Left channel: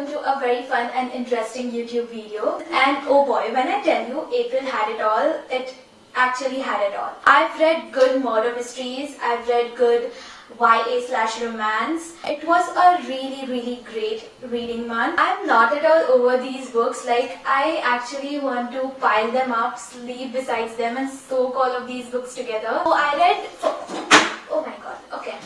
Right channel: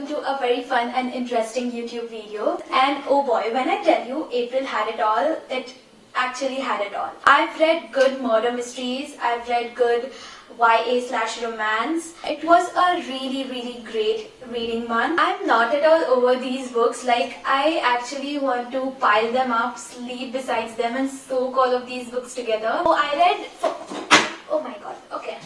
welcome to a very fun and interesting YouTube video. And oh boy, when I tell you April had it all, it actually had it all. I've read good murder mysteries, I've read good YA/romance. It was a really great reading month. I'm not at all over these books. Like, I actually want to pile them up, sleep beside them and soak all of these books together. So I read... Oh my god, okay.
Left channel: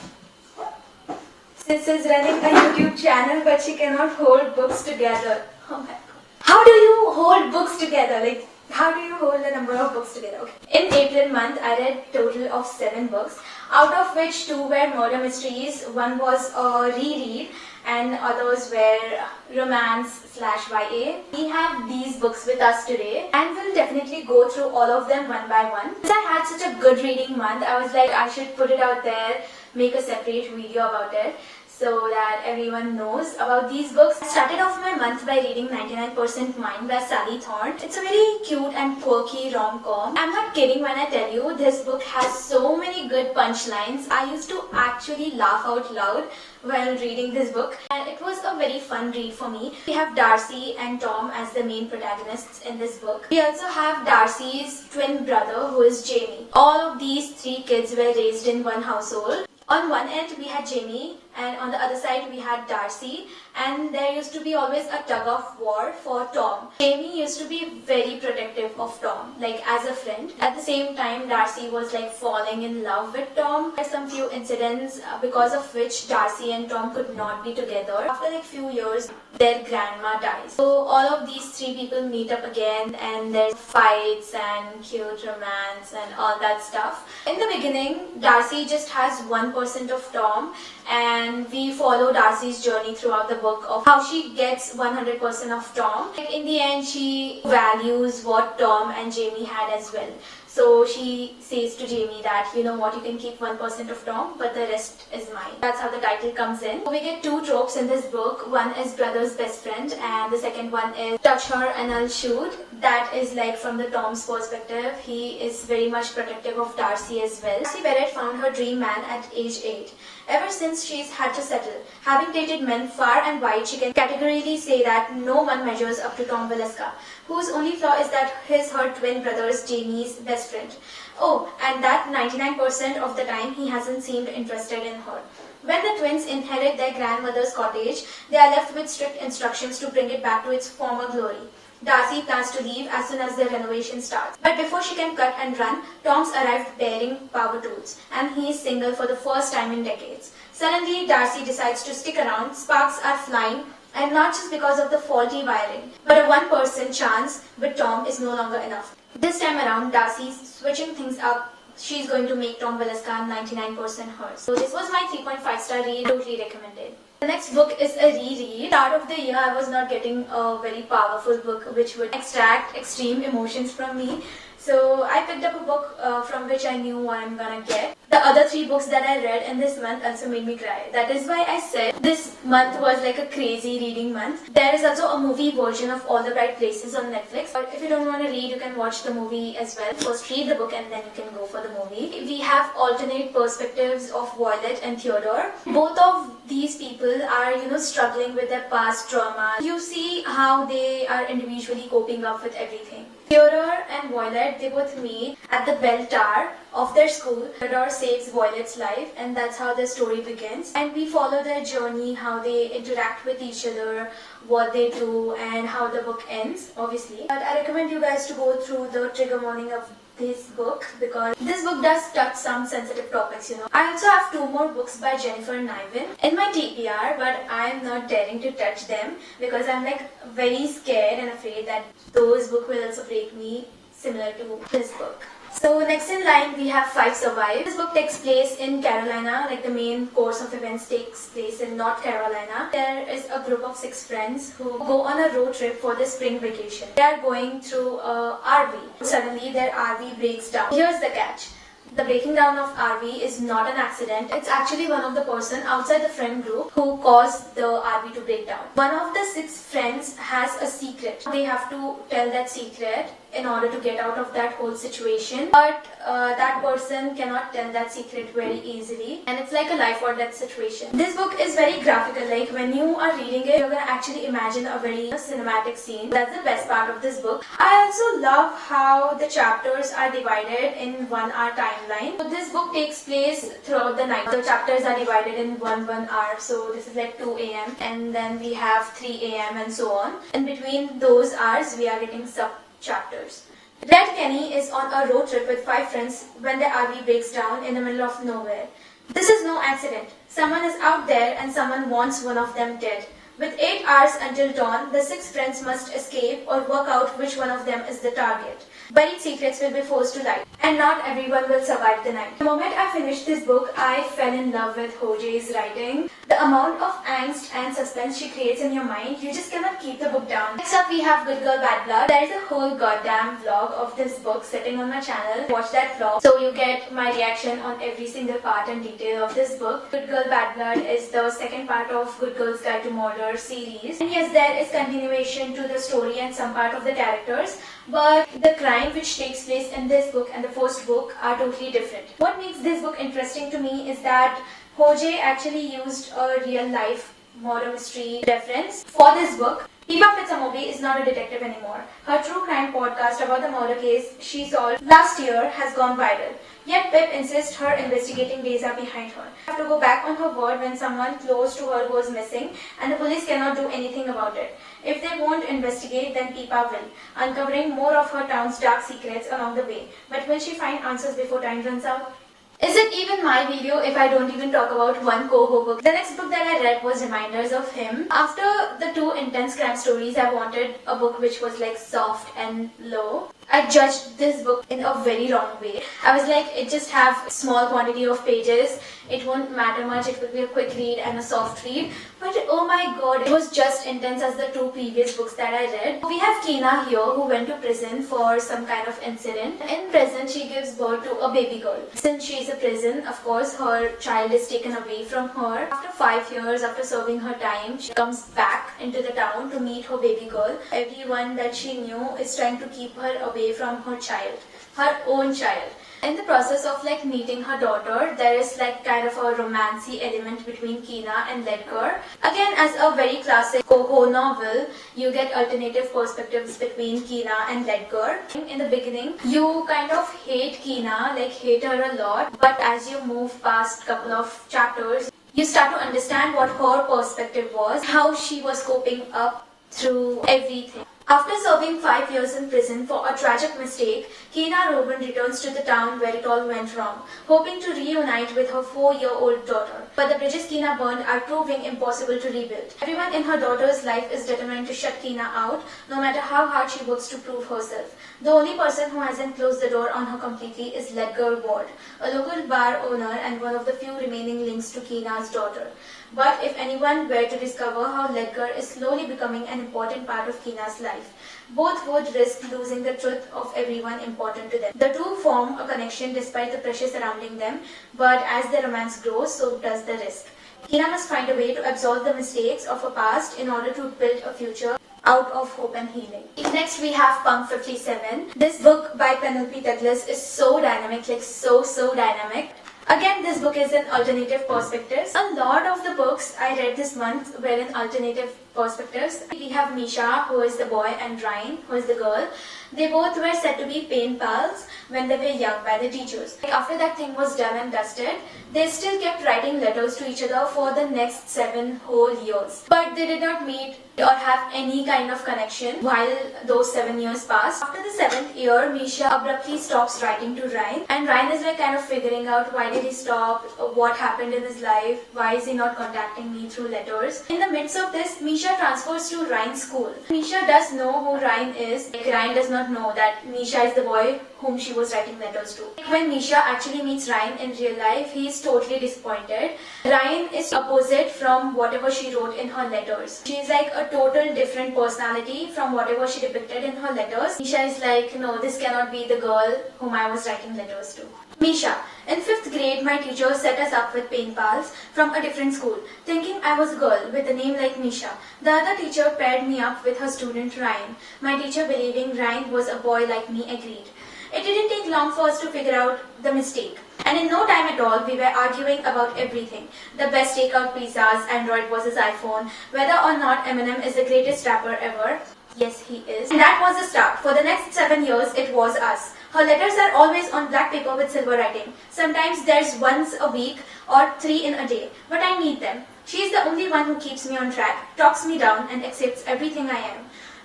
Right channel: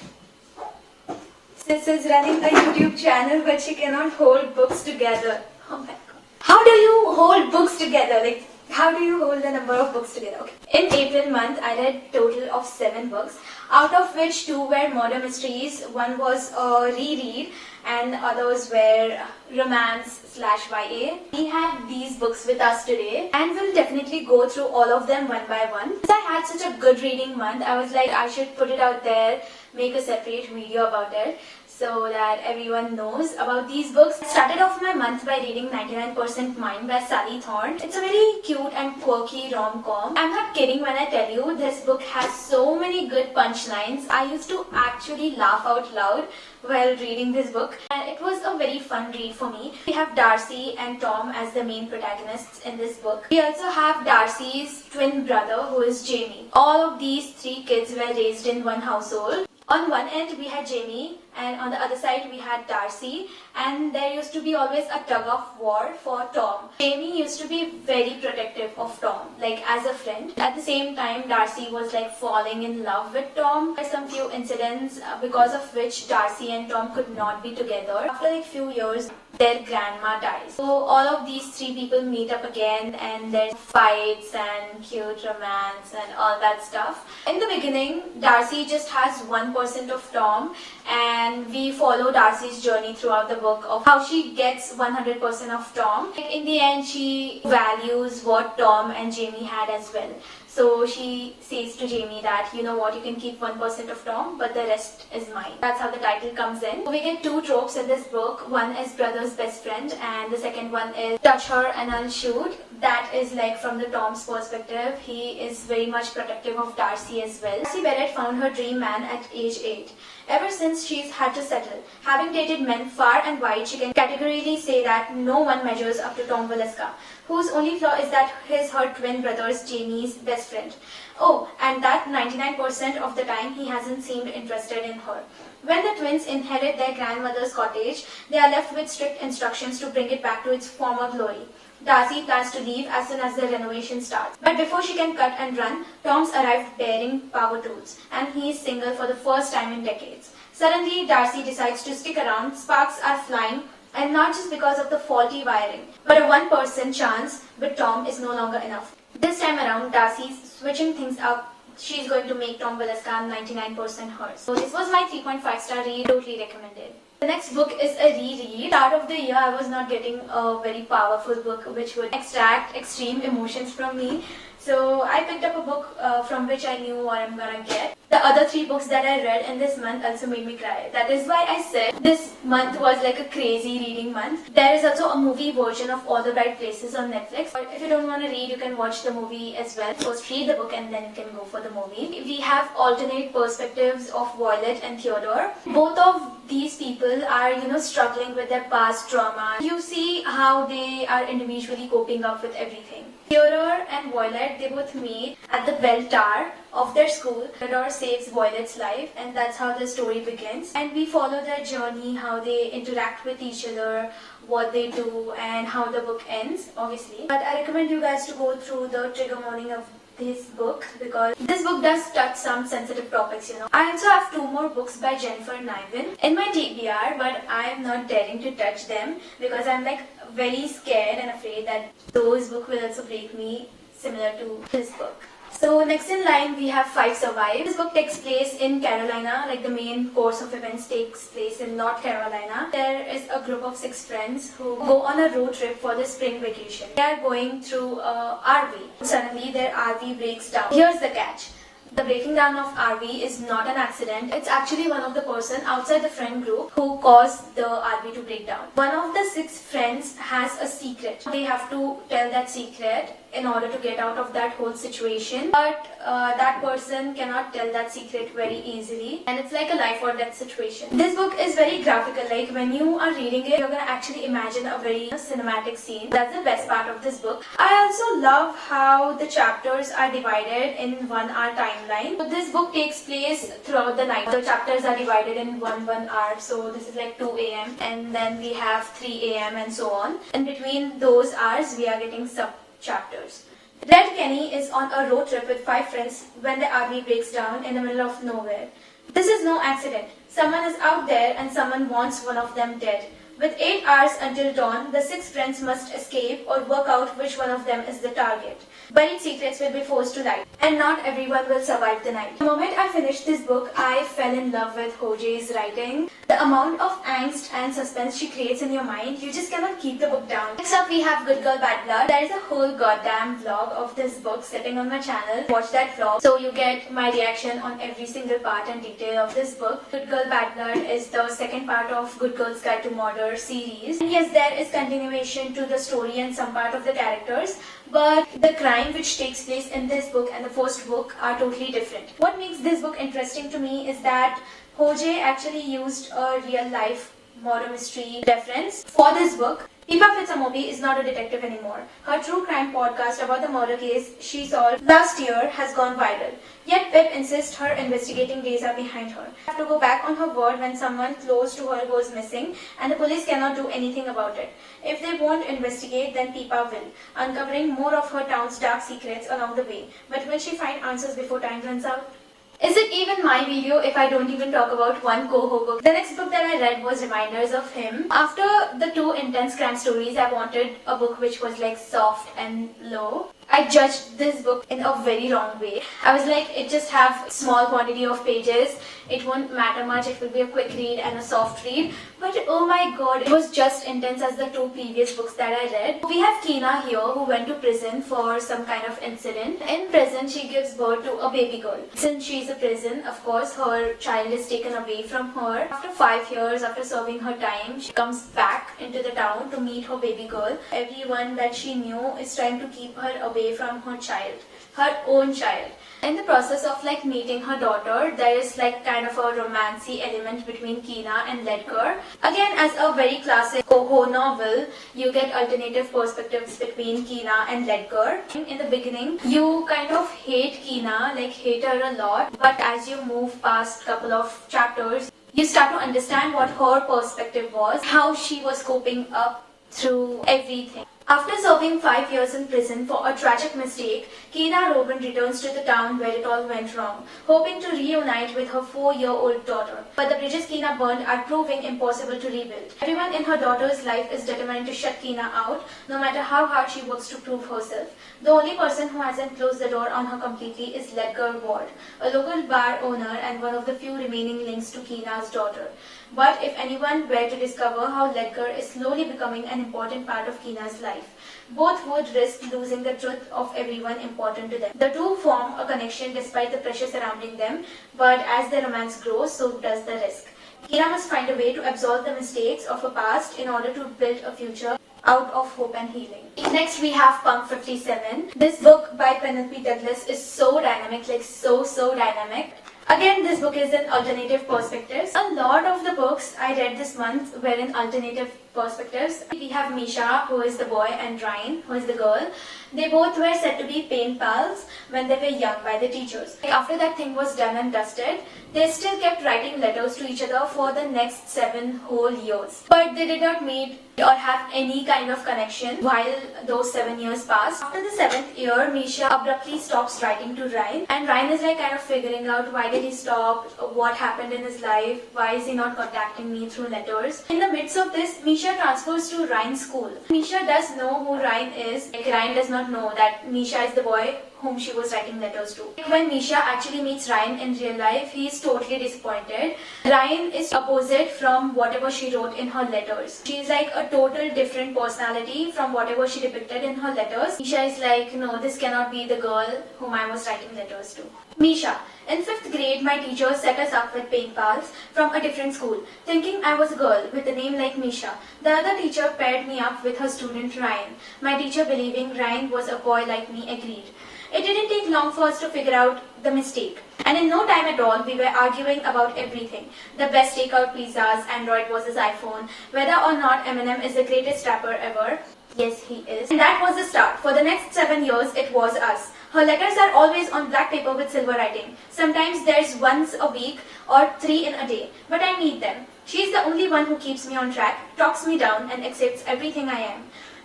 Sis is running a YouTube channel but she cannot hold books together. Oh my god. How do you hold books together? Like, how do you hold the number of books together? Okay. In April month, I read total of 7 books, out of which 2 were murder mysteries, 1 was a reread, and others were romance/YA. We have these books with us today and we'll definitely go through all of them one by one. Since I had such a good reading month, I was like, I should put it out there, make a separate video about it, so that everyone knows about these books. I started off my month by reading 99% Mine by Sally Thorne. It's a very cute and quirky rom-com. I'm not kidding when I tell you this book has so many good punchlines. I used to actually laugh out loud while reading this book, and it was a very fun read for me. We have Darcy and Tom as the main protagonists in this book. We also have Darcy's twin brother, who is Jamie. All of these 3 kids were raised in one household. On one end we had Jamie and on the other side we had Darcy, and there used to be always a tug of war for Tom. Jamie used to be very protective of Tom, like as a friend. At the same time, Darcy was like falling in love with Tom. There are some few incidents because of which Darcy and Tom could not be together. After like few years, their grandma dies. So all of these 3 people meet up again and there's fights and cute romance and all that stuff. In the beginning, Darcy just has 1% of Tom, and we follow Darcy's journey throughout the book of how she gets 100% of Tom. Like, in the end, she values what Tom and Jamie had as well. So she says to Jamie that, you know what, you can keep 1% of Tom, but the rest is mine. That's how the title comes in. So we get 2 tropes in this book. One is brother's best friend, and the second one is touch her and I'll shoot. That is like from the Tom's perspective. He is very much protective of Darcy as well. Darcy Barrett found her dream man at age 8. Ever since she's had to settle, having dated men far and wide, she can categorically say that no one measures up to Tom Valeska, whose only flaw is that he's her twin brother's Jamie's best friend. Oh, and that 99% of the time he hasn't seemed interested in her. When the twins inherit their grandmother's cottage, they are left with strict instructions to bring it back to its former glory. Darcy plans to leave as soon as the renovation starts. But before she can cut and run, Tom's arrived bearing power tools, and he is single for the first time in decades. Suddenly, Darcy decides to stick around. Sparks are flying, and not just because of the faulty wiring, but a 1% chance with Tom is no longer enough. This time around, Darcy's switching things up. She's going to make Tom Valeska 99% hers. So this was my 3.5 star read, totally recommended. The next book is a reread. Start of the year, I was not getting a very powerful book which would extract extreme emotions from me. So I picked up a book from which I knew what I'm gonna get. The other 3 books that I read in this month also made me cry. That is why I said this month was like a crazy reading month. There is also a movie version of All the Bright Places on Netflix. But if you don't want to read, you can watch the movie as well. First read the book and then you can go for the movie. We have alternate perspectives of Violet and Theodore. Both of these people are, struggling with their past trauma. You see how they are individually coping up with everything. Theodore and Violet, they both meet at the bell tower of their school. Theodore saves Violet's life, and that's how the story begins. And we follow their journey, how they interact with each other, what they do, and how the book ends, obviously. But I recommend you guys to go through the trigger warning of this book, because this book does touch some sensitive topics, I also have 2 more books by Jennifer Niven in my TBR, but I am not daring to touch them because I'm like very scared and afraid that those books will also break me, similar to this book. So next in line we have 5 Survive. This book takes place in Carolina, like the main course of events takes place in North Carolina. There is a group of 6 friends who go on a road trip for the spring vacation. They are going through a RV. Suddenly their RV breaks down. Here's the catch. The breaking down of RV is not an accident. It's actually one of the person outside the friend group who caused the RV to break down. One of the 6 friends has a secret. They have to tell that secret in order to get out of that whole situation, but that person cannot tell that secret very easily, and it's like a life or death situation. This book is very graphical, like when you are reading it, you're gonna actually imagine a very cinematic scene. That's the best part of this book. I also love how the chapters are divided in 1 hour timeline. So this book takes place throughout the night. The chapters are divided in 1 hour, so this is like 2 a.m. and then we have 3 a.m. and so on. In between those hours, we are getting sub chapters. Red Kenny is on a road trip with 5 friends when the RV breaks down in the middle of nowhere. This is no accident. Someone is out there and someone wants one of them dead. With 8 hours until dawn, the 6 friends must escape or work out which one of them is the target. Buried secrets will be forced to light, and not everyone will survive the night. The moment I finished this book, I fell in love with xoxo's writing. The amount of angst and suspense she creates in your mind, you just cannot keep the book down. Next up, we have Good Girl Bad Blood. There is a whole goddamn vlog of this book sitting on my channel. Watch that vlog so you get my reaction on every single part and detail of this book. Good Girl Bad Blood is the second part of Good Girl's Guide to Murder series. And yes, there is continuation to the story and some part of the characters, but the crime which takes place in this book and the first book are totally different. What makes this book interesting to me is that xoxo actually used a real life murder mystery reference for this book. Pipa Fitzamobi is not a detective anymore. Her true crime podcast about the murder case she solved last year has gone viral. Yet Pip insists her investigating days are behind her. She has to go back on her word when someone close to her goes missing and the police cannot do anything about it. If they won't investigate, then Pipa will, uncovering more of her town's dark secrets along the way. But will she find answers before time runs out? Is it even my video if I don't even talk about one xoxo book? The next book that I read was Reminders of Him. After the 2 intense crime stories, I wanted a book which was like soft and low. I judged this book in a very wrong way. I was like, it just have small quantity of pages. It won't matter much. It will be a quick read and a soft read. But oh my god, it was just intense as the 2 previous books that I read. We have Kina here who went to prison for some kind of incident. In prison, she gives birth to a baby girl. Since she is in prison, of course, her child is taken away from her. After 5 years, after serving her time, she comes back into the town to meet her baby girl. Everyone that she knew is trying to keep her away from her child, her own child. In the process of like meeting her daughter, there is like kind of a romancy element between Kina and Ledger. Again, as a very classic xoxo novel, you get alternative perspectives between Kina and Ledger. In the beginning, you kind of hate Kina, like hate her a lot, but as you move past couple of chapters, you start to understand what her perspective was, how she was coping up through everything. After serving 5 years in prison for a tragic mistake, Kina Robin returns to the town where it all went wrong, hoping to reunite with her 4-year-old daughter. But the bridges Kina burned are proving impossible to rebuild. Everyone in her daughter's life is determined to shut Kina out, no matter how hard she works to prove herself. The only person who hasn't closed the door on her completely is Ledger Ward, a local bar owner and one of the few remaining links to Kina's daughter. But if anyone were to discover how Ledger is slowly becoming an important part of Kina's life, both would risk losing the truth of everyone important to them. The two form a connection despite the pressure surrounding them, but as the romance grows, so does the risk. Kina must find a way to absolve the mistakes of her past in order to build a future out of hope and healing. Next we have Pump 57. This book by Penelope Douglas is so dynamic, like so dynamic. Again, this book is in alternative perspectives. A lot of the books I read this month were in alternative perspectives. We have Misha, who is the boy, and Ryan, who is the girl. They both were said to be pen pals when they were young by the teachers. Like after that thing was done and dusted, they still kept writing letters to each other for the next 7 whole years. But they did not meet or have any kind of connection while those 7 years passed. After the 7th year, Misha abruptly stops writing to Ryan, and Ryan is like kind of figuring out why did he stop, what happened in his life, why is he not contacting me through letters. In the midst of this, Misha transfers to Ryan's school. Misha does know who Ryan is. Like Ryan does not know that Misha is the boy whom she was writing letters to. When Misha actually meets Ryan in real life, he is totally disappointed. Ryan is opposite from whatever she wrote in her letters. She is like a total different personality from whatever she depicted in her letters. Misha is like, no, this cannot be the girl whom I was writing letters to. Misha. In 5th grade, my teacher set us up with pen pals from a different school, thinking I was a girl with a name like Misha. The other teacher paired me up with her student Ryan. My teacher, believing Ryan was a boy like me, agreed. It didn't take long for us to figure out the mistake. And in no time at all, we were arguing about everything. The best takeout pizzas, Android versus iPhone, whether or not Eminem is the greatest rapper ever. Yes, he is. And that was the start. For the next 7 years, it was us. Her letters are always on black paper with silver writing. Sometimes there's once a week or 3 in a day. But I need them. She is the only one who keeps me on track, talks me down, and accepts everything I am.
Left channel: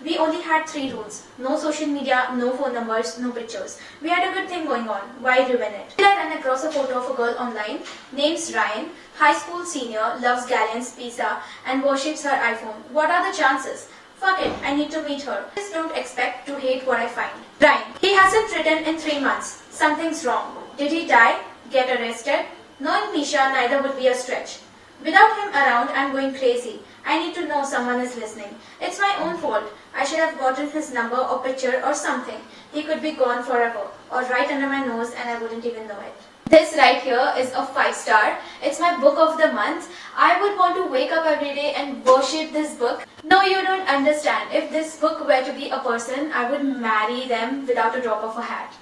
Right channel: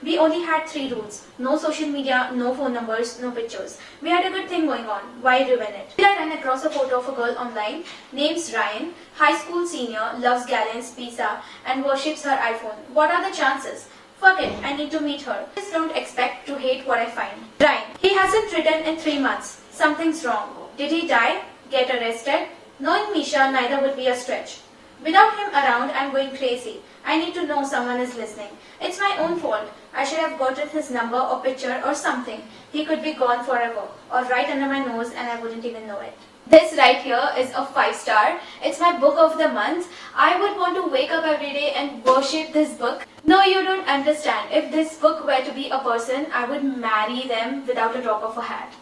We only had 3 rules. No social media, no phone numbers, no pictures. We had a good thing going on. Why ruin it? I ran across a photo of a girl online. Name's Ryan. High school senior, loves Galleon's pizza and worships her iPhone. What are the chances? Fuck it, I need to meet her. Just don't expect to hate what I find. Ryan. He hasn't written in 3 months. Something's wrong. Did he die? Get arrested? Knowing Misha, neither would be a stretch. Without him around, I'm going crazy. I need to know someone is listening. It's my own fault. I should have gotten his number or picture or something. He could be gone forever, or right under my nose and I wouldn't even know it. This right here is a 5-star. It's my book of the month. I would want to wake up every day and worship this book. No, you don't understand. If this book were to be a person, I would marry them without a drop of a hat.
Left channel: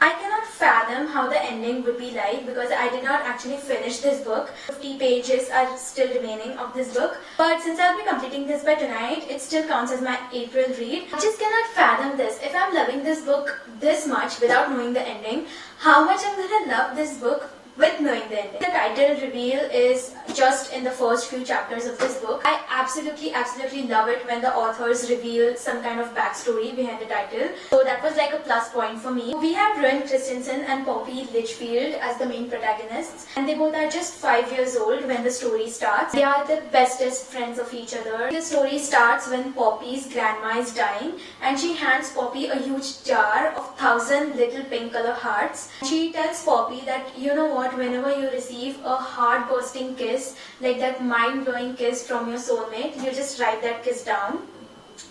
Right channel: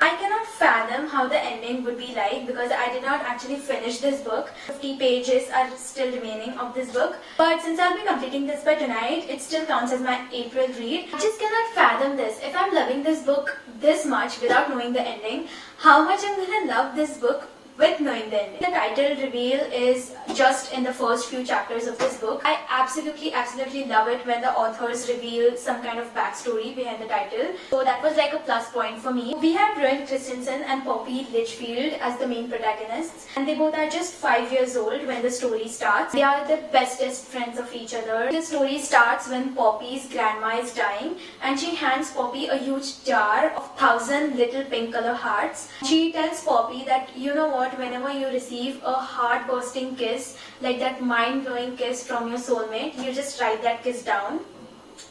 I cannot fathom how the ending would be like because I did not actually finish this book. 50 pages are still remaining of this book. But since I'll be completing this by tonight, it still counts as my April read. I just cannot fathom this. If I'm loving this book this much without knowing the ending, how much I'm gonna love this book with knowing the ending. The title reveal is just in the first few chapters of this book. I absolutely love it when the authors reveal some kind of backstory behind the title. So that was like a plus point for me. We have Ruin Christensen and Poppy Litchfield as the main protagonists, and they both are just 5 years old when the story starts. They are the bestest friends of each other. The story starts when Poppy's grandma is dying and she hands Poppy a huge jar of 1,000 little pink color hearts. She tells Poppy that, you know what, whenever you receive a heart-bursting kiss, like that mind-blowing kiss from your soulmate, you just write that kiss down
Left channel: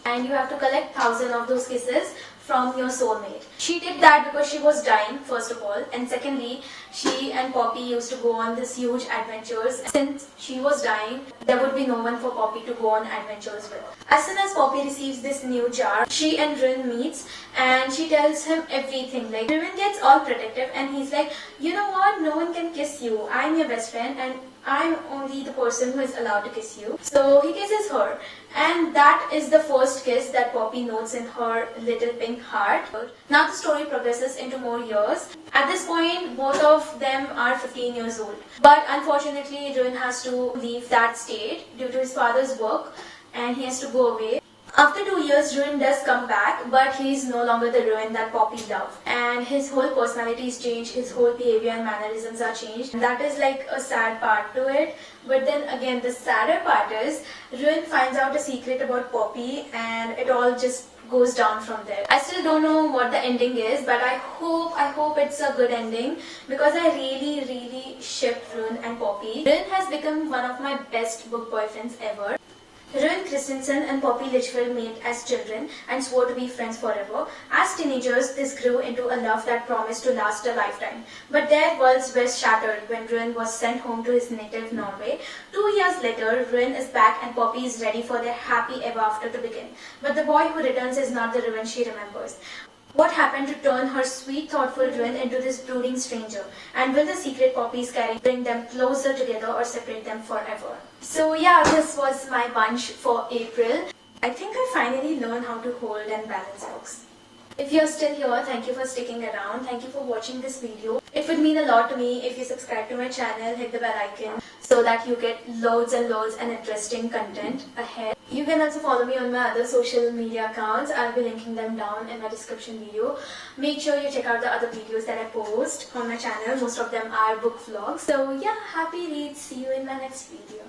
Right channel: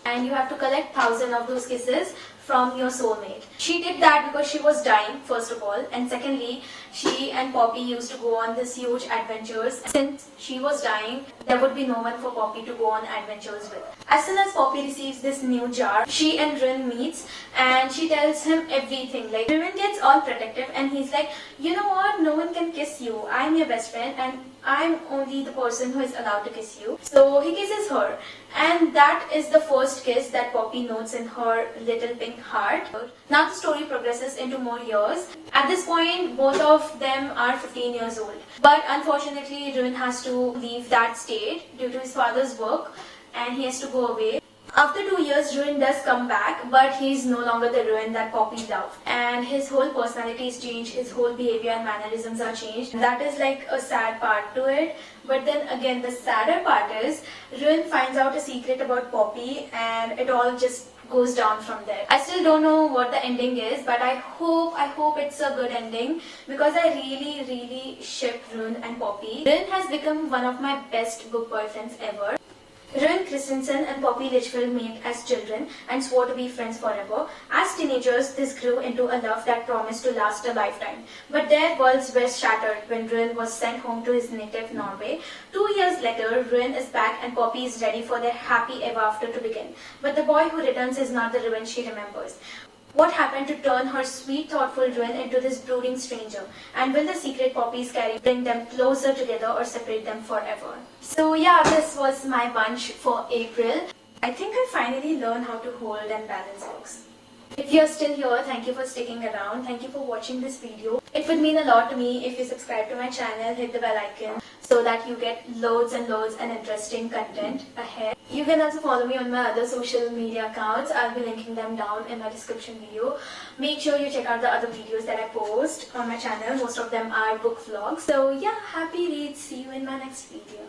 and you have to collect 1,000 of those kisses from your soulmate. She did that because she was dying, first of all, and secondly, she and Poppy used to go on this huge adventures. Since she was dying, there would be no one for Poppy to go on adventures with. As soon as Poppy receives this new jar, she and Rin meets and she tells him everything. Like, Rin gets all protective and he's like, you know what, no one can kiss you. I'm your best friend and I'm only the person who is allowed to kiss you. So he kisses her, and that is the first kiss that Poppy notes in her little pink heart. Now the story progresses into more years. At this point, both of them are 15 years old. But unfortunately, Ruin has to leave that state due to his father's work and he has to go away. After 2 years, Ruin does come back, but he's no longer the Ruin that Poppy loved. And his whole personality is changed, his whole behavior and mannerisms are changed. And that is like a sad part to it. But then again, the sadder part is, Ruin finds out a secret about Poppy and it all just goes down from there. I still don't know what the ending is, but I hope it's a good ending because I really ship Ruin and Poppy. Ruin has become one of my best book boyfriends ever. Ruin Christensen and Poppy Litchfield met as children and swore to be friends forever. As teenagers, this grew into a love that promised to last a lifetime. But their worlds were shattered when Ruin was sent home to his native Norway. 2 years later, Ruin is back and Poppy is ready for their happy ever after to begin. But the boy who returns is not the Ruin she remembers. What happened to turn her sweet, thoughtful Ruin into this brooding stranger? And will the secret Poppy is carrying bring them closer together or separate them forever? So yeah, this was my bunch for April. I think I finally learned how to hold and balance books. If you're still here, thank you for sticking around. Thank you for watching this video. It would mean a lot to me if you subscribe to my channel, hit the bell icon so that you get loads and interesting content ahead. You can also follow me on my other social media accounts. I'll be linking them down in my description video. Make sure you check out the other videos that I post on my channel. Most of them are book vlogs. So yeah, happy reads. See you in my next video.